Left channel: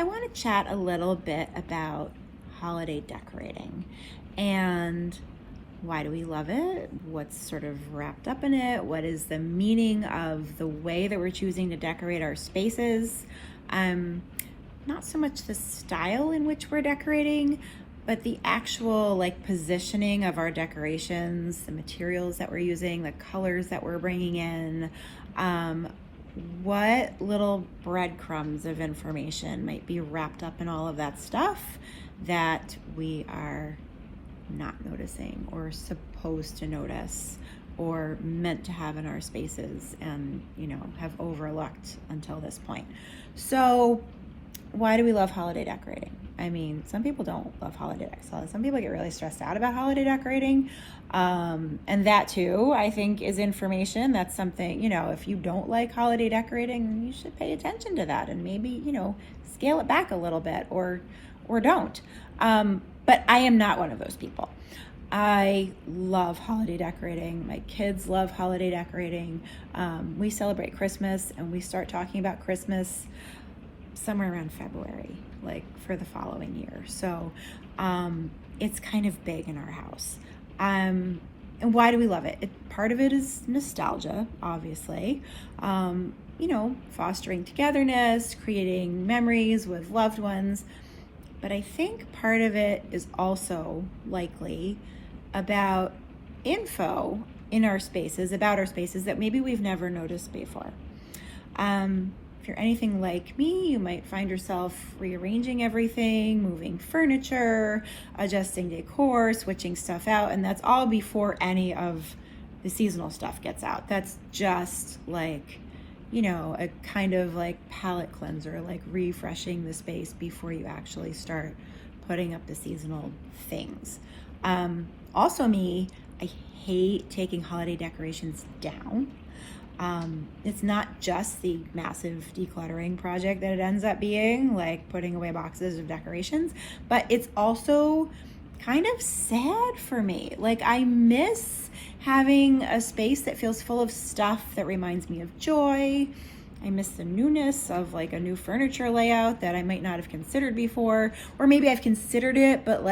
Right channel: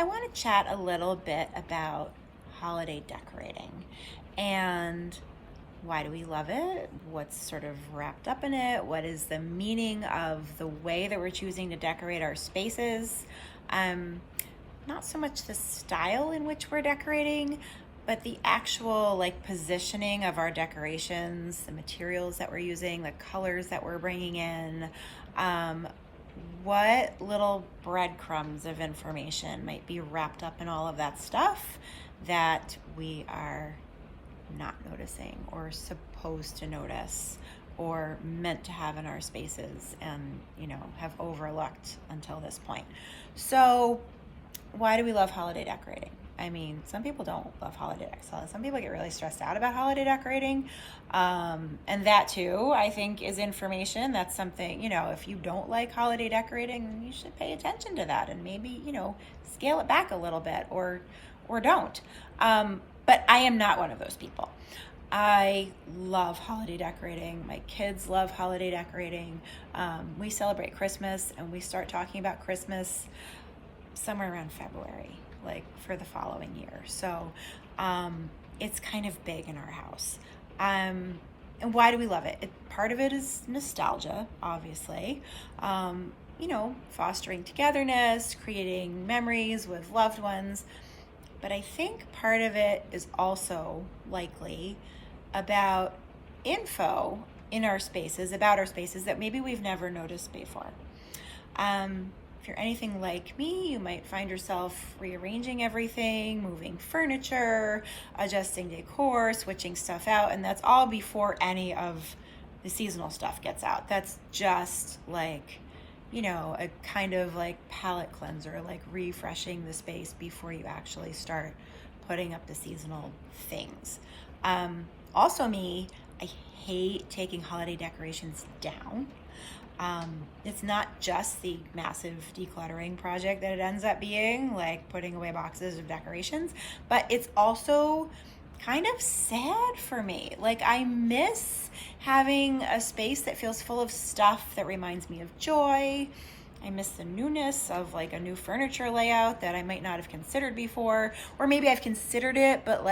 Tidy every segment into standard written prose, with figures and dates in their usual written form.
I want to chat a little bit about holiday decorating and why do we love it? What's sort of wrapped up in it? What is the meaning of the way that we're choosing to decorate our spaces? Not so much the style in which we're decorating, but the actual positioning of our decorations, the materials that we're using, the colors that we're bringing in, what little breadcrumbs of information might be wrapped up in all of that stuff that we are not noticing or supposed to notice or meant to have in our spaces and, have overlooked until this point. So why do we love holiday decorating? I mean, some people don't love holiday decorating. Some people get really stressed out about holiday decorating. And that too, I think, is information. That's something, if you don't like holiday decorating, you should pay attention to that and maybe, scale it back a little bit or don't. But I am not one of those people. I love holiday decorating. My kids love holiday decorating. We celebrate Christmas and we start talking about Christmas somewhere around February, for the following year. So it's kind of big in our house. And why do we love it? Part of it is nostalgia, obviously. Fostering togetherness, creating memories with loved ones. But I think part of it is also likely about info in our spaces, about our spaces that maybe we've never noticed before. If you're anything like me, you might find yourself rearranging everything, moving furniture, adjusting decor, switching stuff out, and that's all before any of the seasonal stuff gets out. That's just a kind of palette cleanser, refreshing the space before you actually start putting up the seasonal things. Also me, I hate taking holiday decorations down. It's not just the massive decluttering project that it ends up being, putting away boxes of decorations, but it's also kind of sad for me. I miss having a space that feels full of stuff that reminds me of joy. I miss the newness of a new furniture layout that I might not have considered before, or maybe I've considered it, but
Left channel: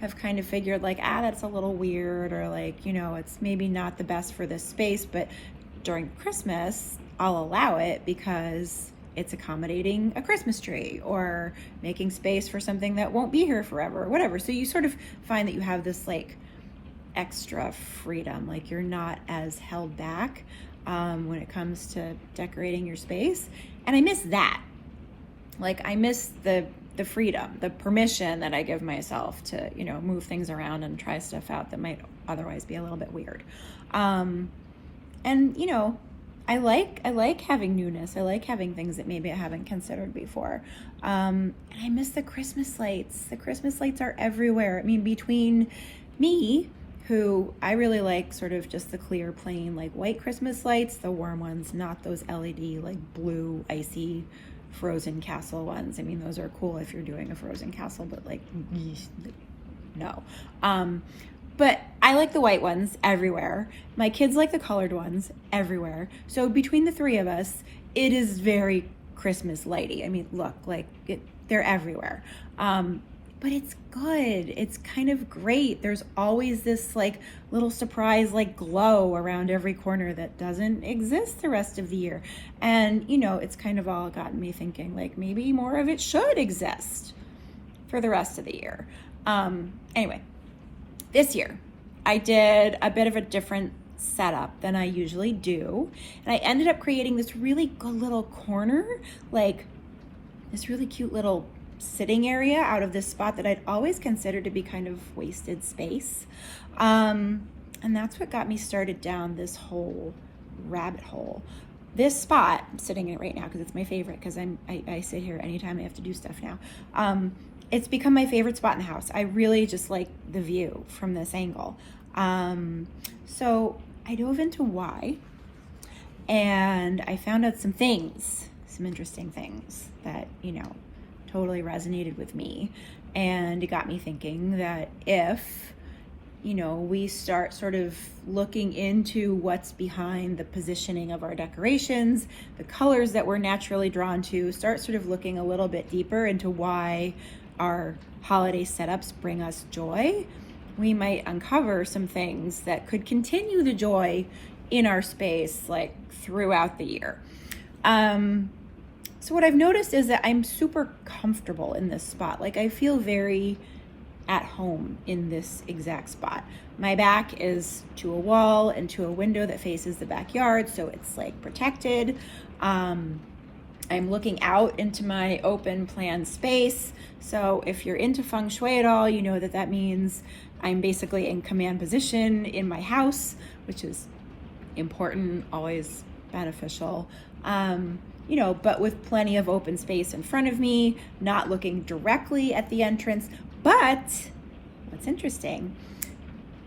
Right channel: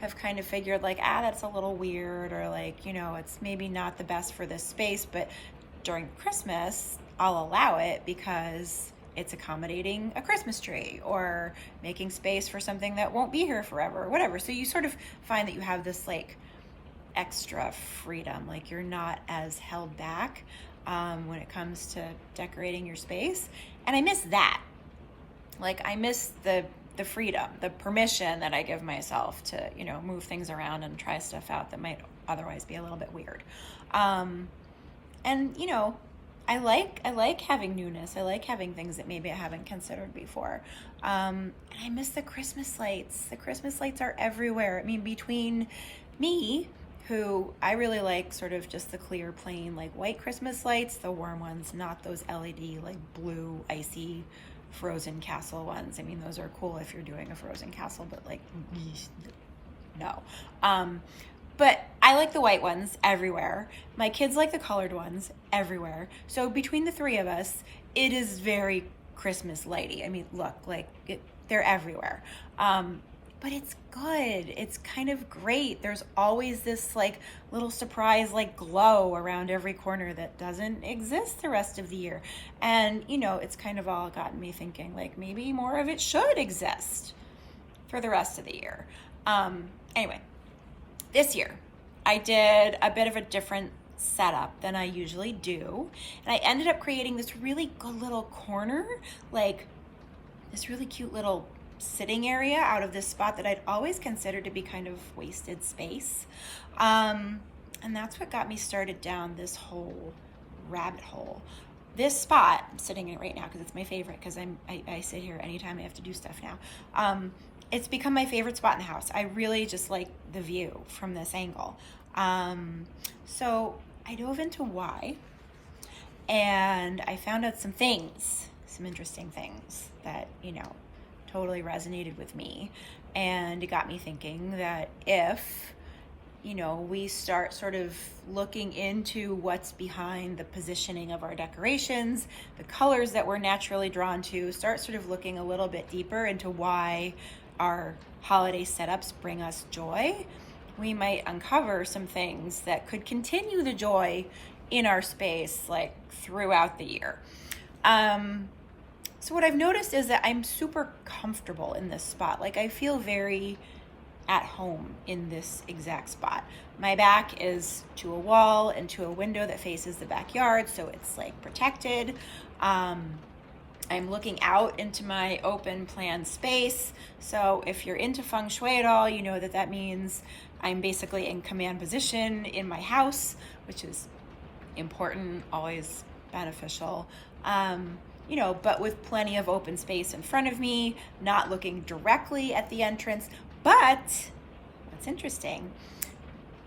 have kind of figured that's a little weird, or it's maybe not the best for this space, but during Christmas, I'll allow it because it's accommodating a Christmas tree or making space for something that won't be here forever or whatever. So you sort of find that you have this extra freedom, you're not as held back when it comes to decorating your space. And I miss that. I miss the freedom, the permission that I give myself to, move things around and try stuff out that might otherwise be a little bit weird. And I like having newness. I like having things that maybe I haven't considered before. And I miss the Christmas lights. The Christmas lights are everywhere. I mean, between me, who I really like sort of just the clear, plain, white Christmas lights, the warm ones, not those LED, blue, icy, frozen castle ones. I mean, those are cool if you're doing a frozen castle, but no. But I like the white ones everywhere. My kids like the colored ones everywhere. So between the three of us, it is very Christmas lighty. I mean, look, they're everywhere. But it's good. It's kind of great. There's always this little surprise glow around every corner that doesn't exist the rest of the year. And it's kind of all gotten me thinking maybe more of it should exist for the rest of the year. Anyway, this year I did a bit of a different setup than I usually do. And I ended up creating this really good little corner, this really cute little sitting area out of this spot that I'd always considered to be kind of wasted space. And that's what got me started down this whole rabbit hole. This spot, I'm sitting in it right now because it's my favorite, because I sit here anytime I have to do stuff now. It's become my favorite spot in the house. I really just like the view from this angle. So I dove into why, and I found out some interesting things that, totally resonated with me. And it got me thinking that if we start sort of looking into what's behind the positioning of our decorations, the colors that we're naturally drawn to, start sort of looking a little bit deeper into why our holiday setups bring us joy, we might uncover some things that could continue the joy in our space like throughout the year. So what I've noticed is that I'm super comfortable in this spot. Like I feel very at home in this exact spot. My back is to a wall and to a window that faces the backyard, so it's like protected. I'm looking out into my open plan space. So if you're into feng shui at all, you know that means I'm basically in command position in my house, which is important, always beneficial. But with plenty of open space in front of me, not looking directly at the entrance. But what's interesting,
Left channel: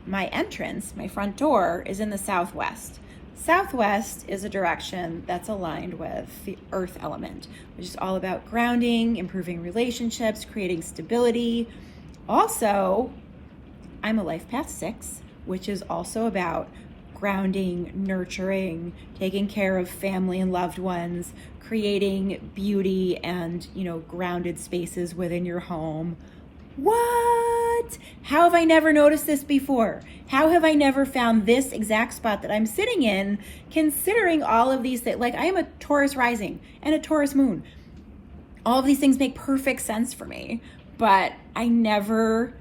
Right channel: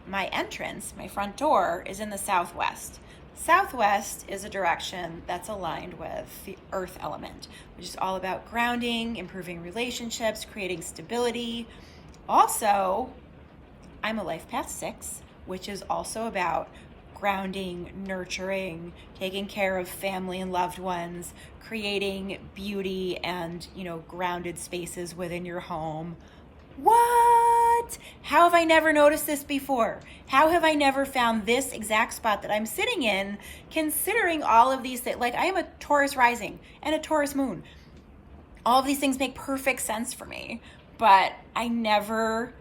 my entrance, my front door is in the southwest. Southwest is a direction that's aligned with the earth element, which is all about grounding, improving relationships, creating stability. Also, I'm a life path 6, which is also about grounding, nurturing, taking care of family and loved ones, creating beauty and, grounded spaces within your home. What? How have I never noticed this before? How have I never found this exact spot that I'm sitting in, considering all of these things? Like, I am a Taurus rising and a Taurus moon. All of these things make perfect sense for me, but I never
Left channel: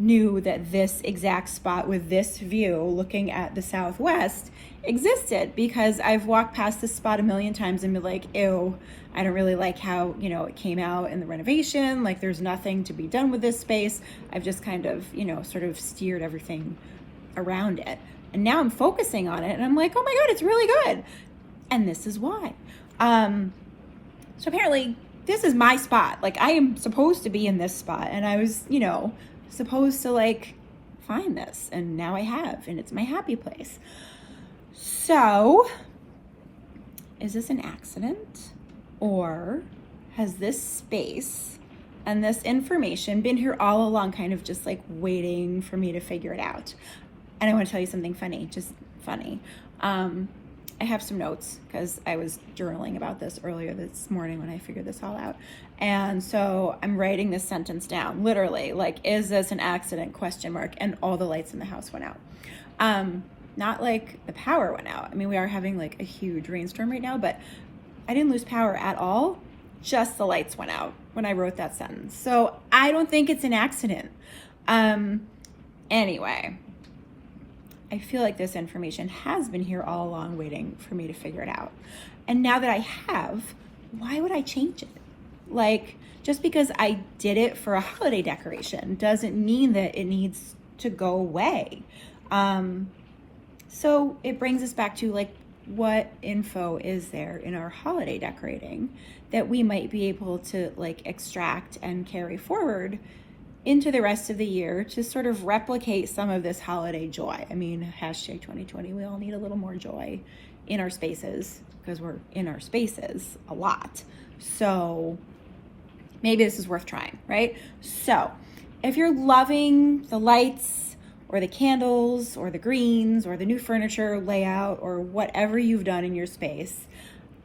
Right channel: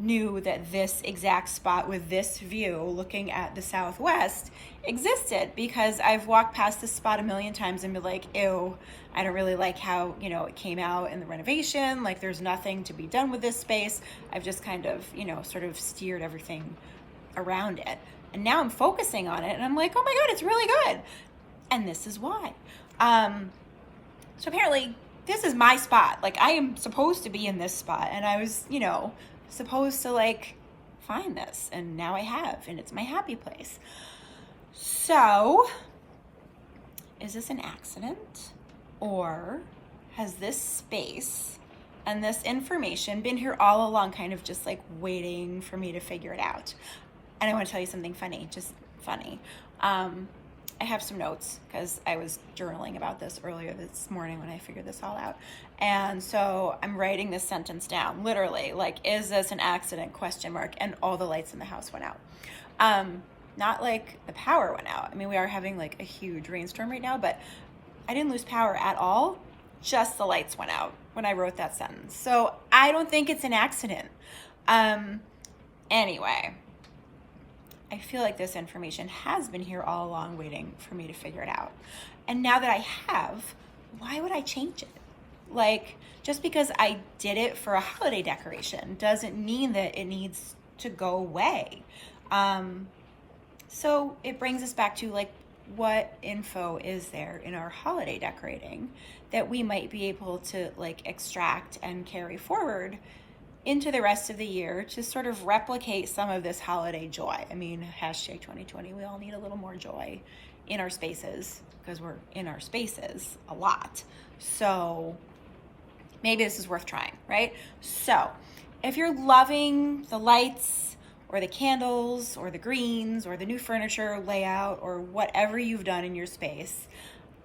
knew that this exact spot with this view looking at the southwest existed, because I've walked past this spot a million times and been like, ew, I don't really like how, it came out in the renovation. Like, there's nothing to be done with this space. I've just kind of, sort of steered everything around it. And now I'm focusing on it and I'm like, oh my God, it's really good. And this is why. So apparently this is my spot. Like, I am supposed to be in this spot, and I was, supposed to like find this, and now I have, and it's my happy place. So is this an accident, or has this space and this information been here all along, kind of just like waiting for me to figure it out? And I want to tell you something funny, just funny. I have some notes because I was journaling about this earlier this morning when I figured this all out. And so I'm writing this sentence down, literally, like, is this an accident, ? And all the lights in the house went out. Not like the power went out. I mean, we are having like a huge rainstorm right now, but I didn't lose power at all. Just the lights went out when I wrote that sentence. So I don't think it's an accident. Anyway, I feel like this information has been here all along waiting for me to figure it out. And now that I have, why would I change it? Like, just because I did it for a holiday decoration doesn't mean that it needs to go away. So it brings us back to like, what info is there in our holiday decorating that we might be able to like extract and carry forward into the rest of the year to sort of replicate some of this holiday joy. I mean, hashtag 2020, we all need a little more joy in our spaces, because we're in our spaces a lot. So maybe this is worth trying, right? So if you're loving the lights or the candles or the greens or the new furniture layout or whatever you've done in your space,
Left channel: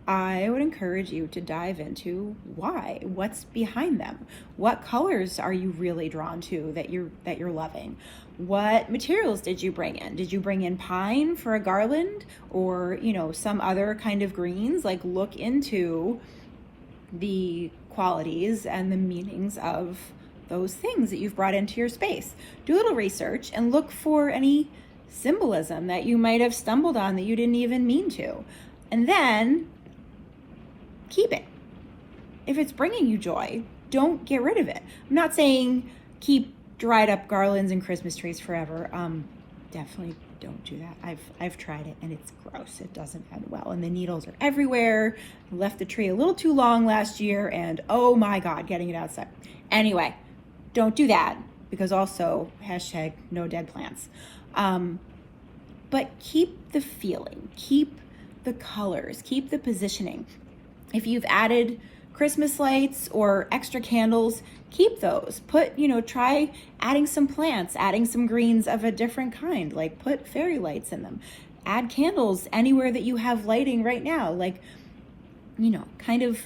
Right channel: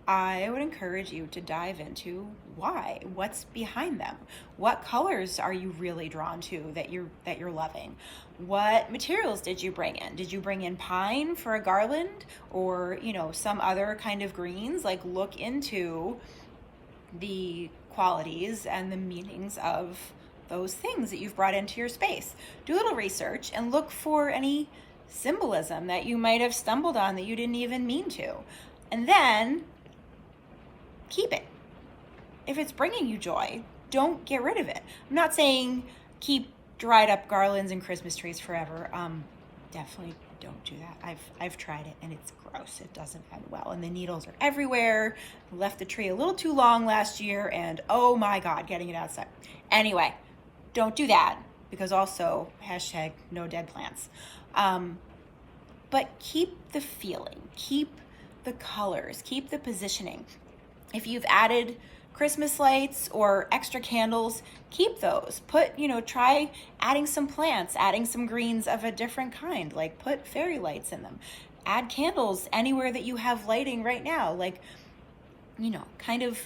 I would encourage you to dive into why, what's behind them. What colors are you really drawn to that you're loving? What materials did you bring in? Did you bring in pine for a garland, or, some other kind of greens? Like, look into the qualities and the meanings of those things that you've brought into your space. Do a little research and look for any symbolism that you might have stumbled on that you didn't even mean to. And then keep it. If it's bringing you joy, don't get rid of it. I'm not saying keep dried up garlands and Christmas trees forever. Definitely don't do that. I've tried it and it's gross. It doesn't end well. And the needles are everywhere. I left the tree a little too long last year, and oh my God, getting it outside. Anyway, don't do that, because also hashtag no dead plants. But keep the feeling, keep the colors, keep the positioning. If you've added Christmas lights or extra candles, keep those. Try adding some plants, adding some greens of a different kind, like put fairy lights in them, add candles anywhere that you have lighting right now, like, you know, kind of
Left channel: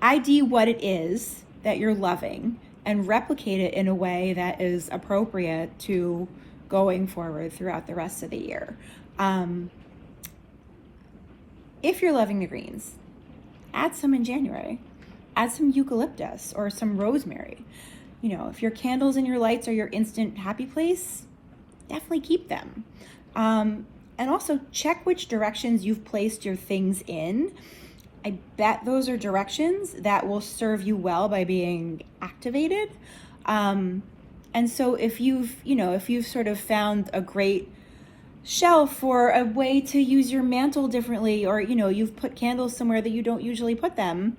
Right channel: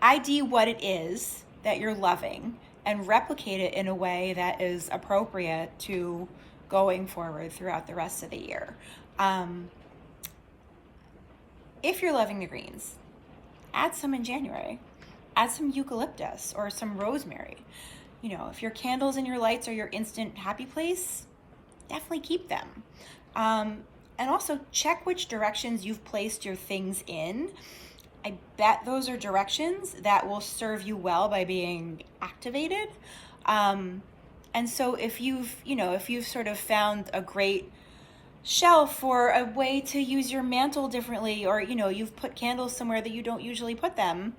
ID what it is that you're loving and replicate it in a way that is appropriate to going forward throughout the rest of the year. If you're loving the greens, add some in January. Add some eucalyptus or some rosemary. You know, if your candles and your lights are your instant happy place, definitely keep them. And also check which directions you've placed your things in. I bet those are directions that will serve you well by being activated. And so if you've sort of found a great shelf or a way to use your mantle differently, or, you know, you've put candles somewhere that you don't usually put them,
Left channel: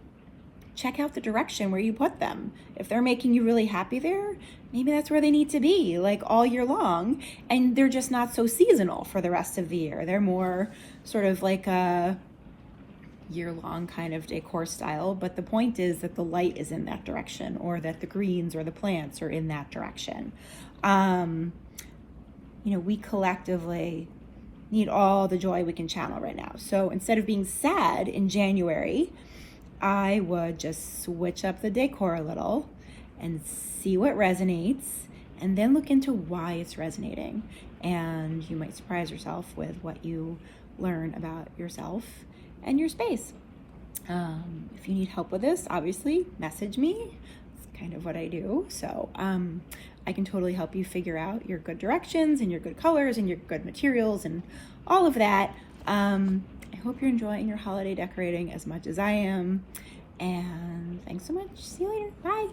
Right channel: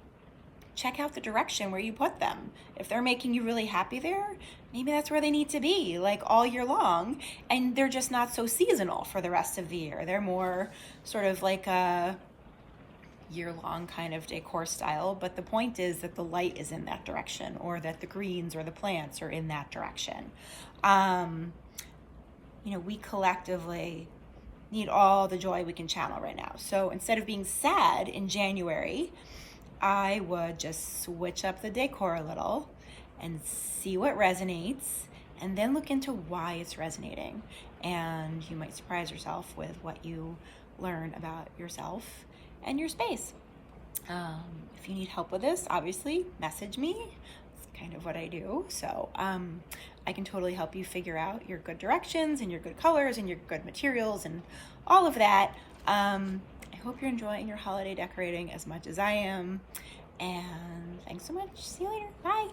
check out the direction where you put them. If they're making you really happy there, maybe that's where they need to be, like all year long, and they're just not so seasonal for the rest of the year. They're more sort of like a year-long kind of decor style, but the point is that the light is in that direction, or that the greens or the plants are in that direction. You know, we collectively need all the joy we can channel right now. So instead of being sad in January, I would just switch up the decor a little and see what resonates, and then look into why it's resonating. And you might surprise yourself with what you learn about yourself and your space. If you need help with this, obviously message me. It's kind of what I do. So I can totally help you figure out your good directions and your good colors and your good materials and all of that. I hope you're enjoying your holiday decorating as much as I am. And thanks so much. See you later. Bye.